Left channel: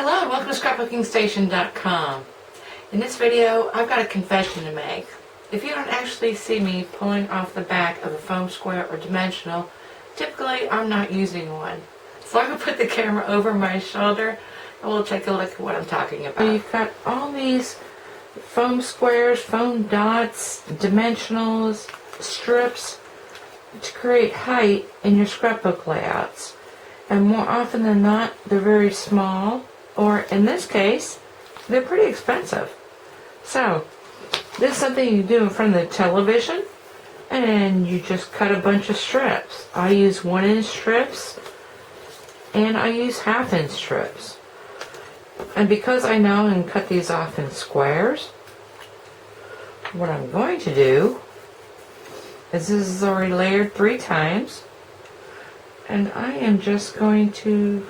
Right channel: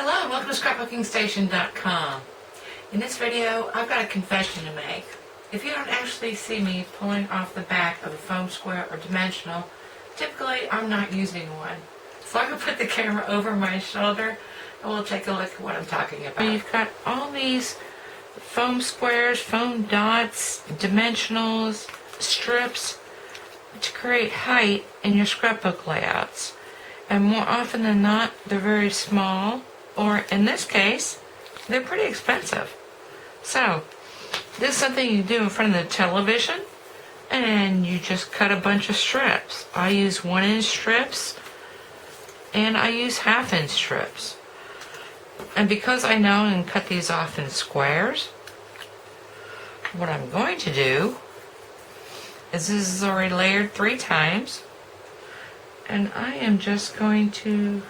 Hello and welcome to scrapbookingstation.com. In this video, I've got a confession to make. If you don't actually see me pulling off the back of a foam square or dimensional, typically I'm not using one. So I'm going to put the camera over my shoulder and we'll take a look at what I'm talking about. You've got all these foam squares, foam dots, dimensionals, strips to create height in your scrapbook layouts. And more often than not, they're very small, or in this case, they're pretty expensive. So, this is something you do in front of the television, and you just cut a bunch of strips. I use 1-inch strips, and I use 1/2-inch strips. And because I know I can cut these off in squares, what I'm going to do is this is already layered 3 times. And I am just going to,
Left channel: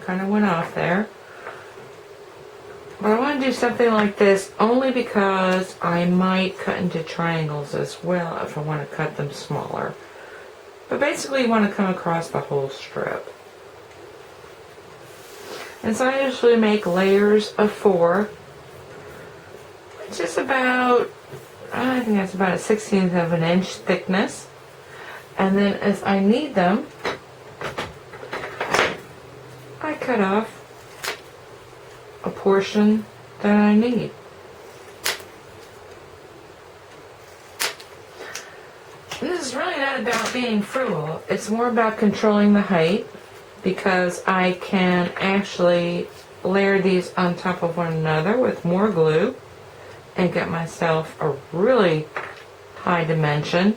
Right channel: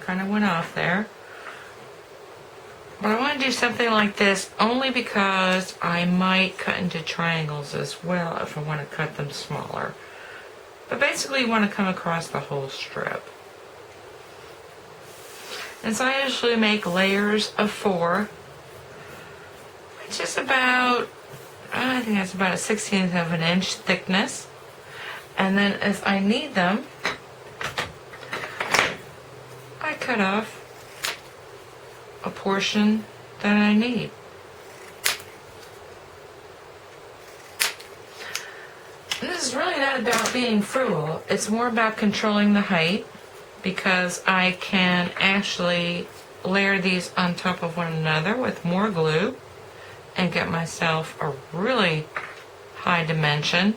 kind of went off there. But I want to do something like this only because I might cut into triangles as well if I want to cut them smaller. But basically you want to come across the whole strip. And so I usually make layers of 4, which is about, I think that's about a 1/16 of an inch thickness. And then as I need them, I cut off a portion that I need. And this is really not about being frugal. It's more about controlling the height, because I can actually layer these on top of one another with more glue and get myself a really high dimension.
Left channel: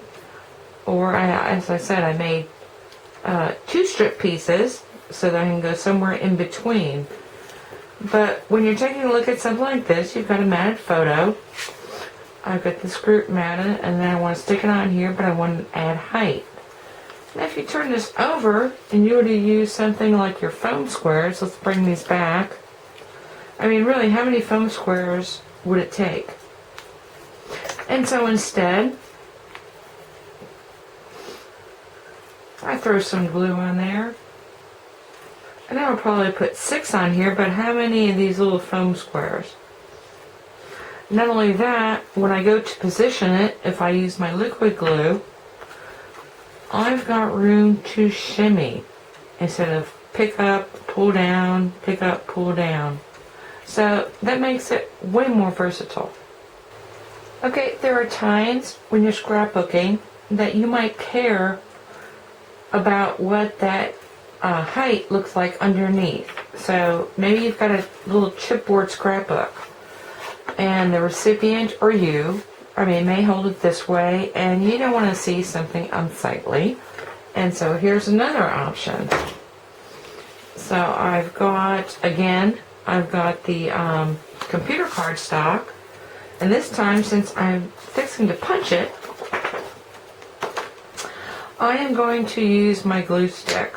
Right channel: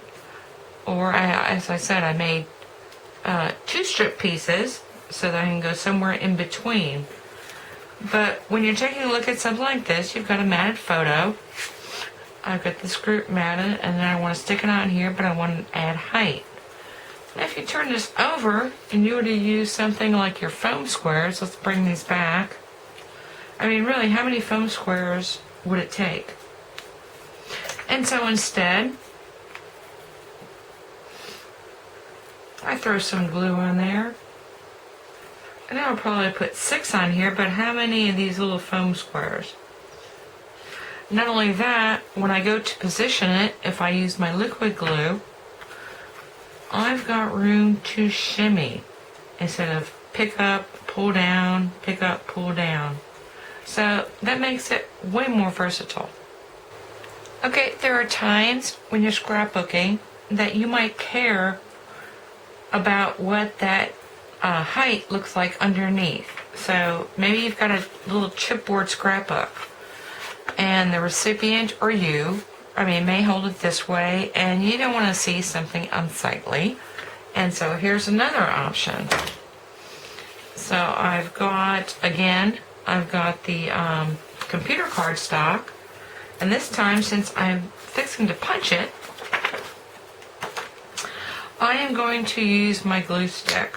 Or, as I said, I made 2 strip pieces so that I can go somewhere in between. But when you're taking a look at something like this, you've got a matted photo. I've got this group matted, and then I want to stick it on here, but I want to add height. Now, if you turn this over, and you were to use something like your foam squares, let's bring these back. I mean, really, how many foam squares would it take? And so instead, I throw some glue on there, and I would probably put 6 on here, but how many of these little foam squares? Not only that, when I go to position it, if I use my liquid glue, I've got room to shimmy instead of pick up, pull down, pick up, pull down. So that makes it way more versatile. Okay, there are times when you're scrapbooking that you might care about what that height looks like underneath. So maybe you've got a little chipboard scrapbook and the recipient or you, may hold it this way and you don't want to see something unsightly. And so here's another option. So I've got the computer cardstock, and this time, since I'm fixing to punch it, I am going to use my glue stick.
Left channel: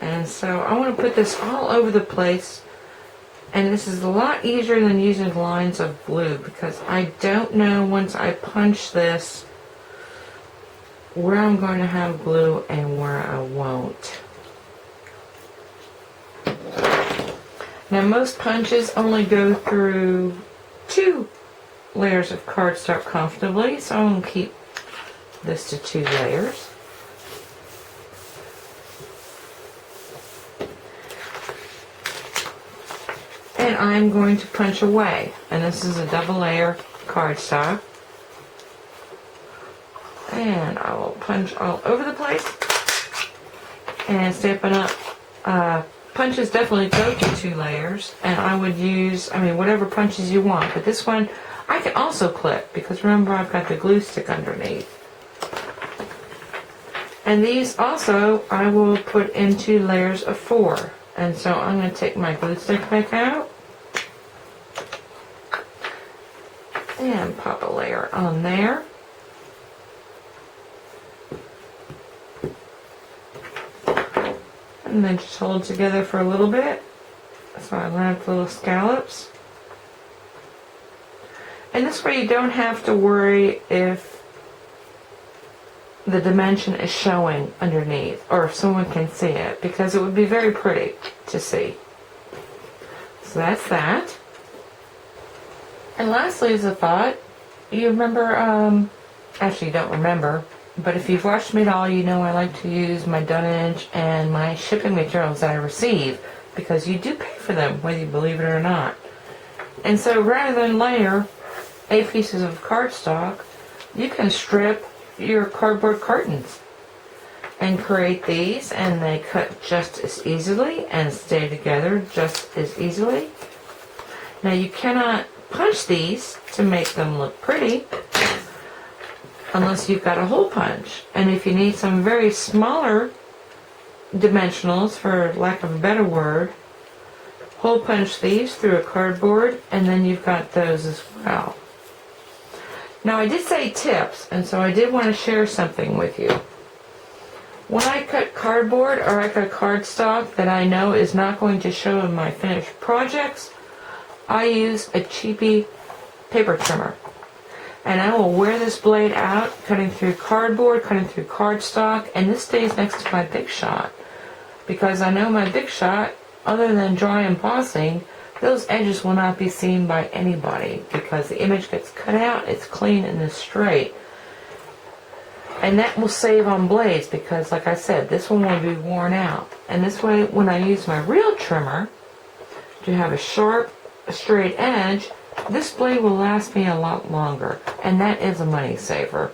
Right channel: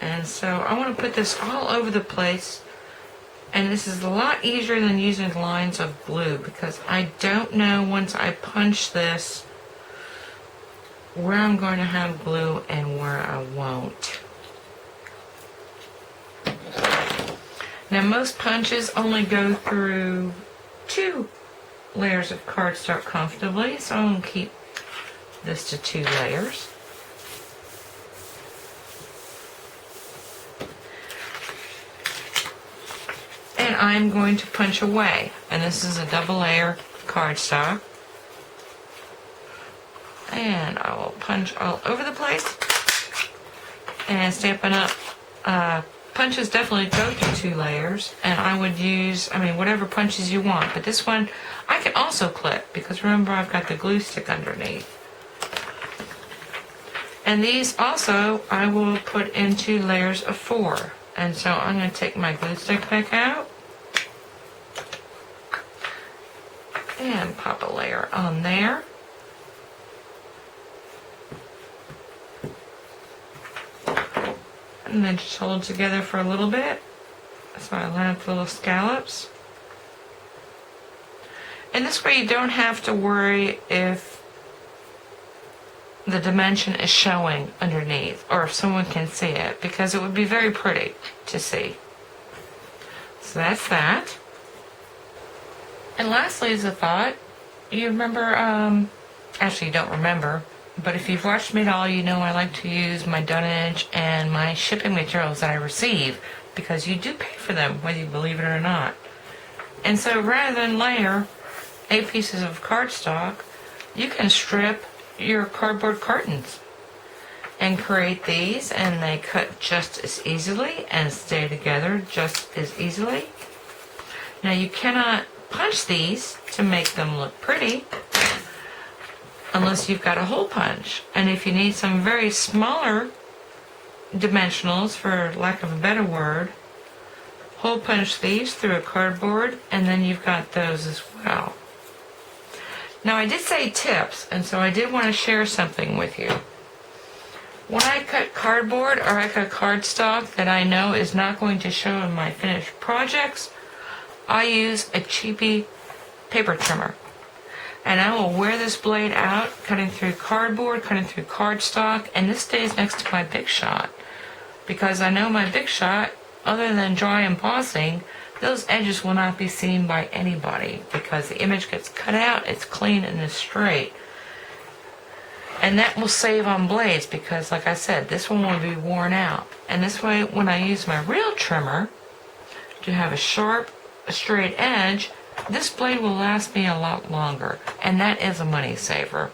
And so I want to put this all over the place, and this is a lot easier than using lines of glue because I don't know once I punch this where I'm going to have glue and where I won't. Now most punches only go through 2 layers of cardstock comfortably, so I'm going to keep this to 2 layers. And I'm going to punch away. And this is a double layer cardstock. And I will punch all over the place. And Stampin' Up! Punches definitely go through 2 layers. And I would use, whatever punches you want. But this one, I can also clip, because remember I've got the glue stick underneath. And these also I will put into layers of 4. And so I'm going to take my glue stick back out and pop a layer on there. And then just hold it together for a little bit. So I line up the little scallops. And this way you don't have to worry if the dimension is showing underneath, or if someone can see it, because it would be very pretty to see. So that's that. And lastly, as a thought, you remember, actually you don't remember, but if you've watched me at all, you know I like to use my dunnage and my shipping materials that I receive, because you do pay for them, whether you believe it or not. And so rather than layer 8 pieces of cardstock, you can strip your cardboard cartons and create these, and they cut just as easily and stay together just as easily. Now you cannot punch these to make them look pretty unless you've got a hole punch. And if you need some very smaller dimensionals, for lack of a better word, hole punch these through a cardboard, and then you've got those as well. Now I did say tips, and so I did want to share something with you. When I cut cardboard or I cut cardstock that I know is not going to show in my finished projects, I use a cheapy paper trimmer. And I will wear this blade out, cutting through cardboard, cutting through cardstock, and this stays next to my Big Shot. Because I know my Big Shot, other than dry embossing, those edges will not be seen by anybody, because the image gets cut out, it's clean and it's straight. And that will save on blades, because like I said, this one will be worn out. And this way, when I use my real trimmer to have a sharp, straight edge, this blade will last me a lot longer. And that is a money saver,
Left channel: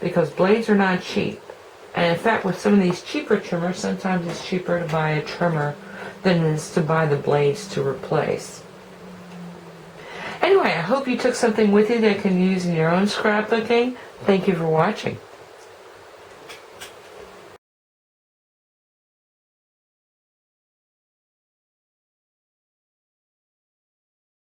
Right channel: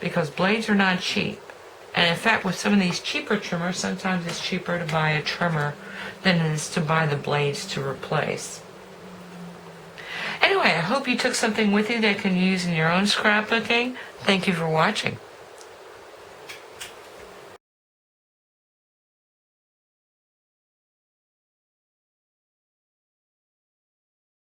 because blades are not cheap. And in fact, with some of these cheaper trimmers, sometimes it's cheaper to buy a trimmer than it is to buy the blades to replace. Anyway, I hope you took something with you that you can use in your own scrapbooking. Thank you for watching.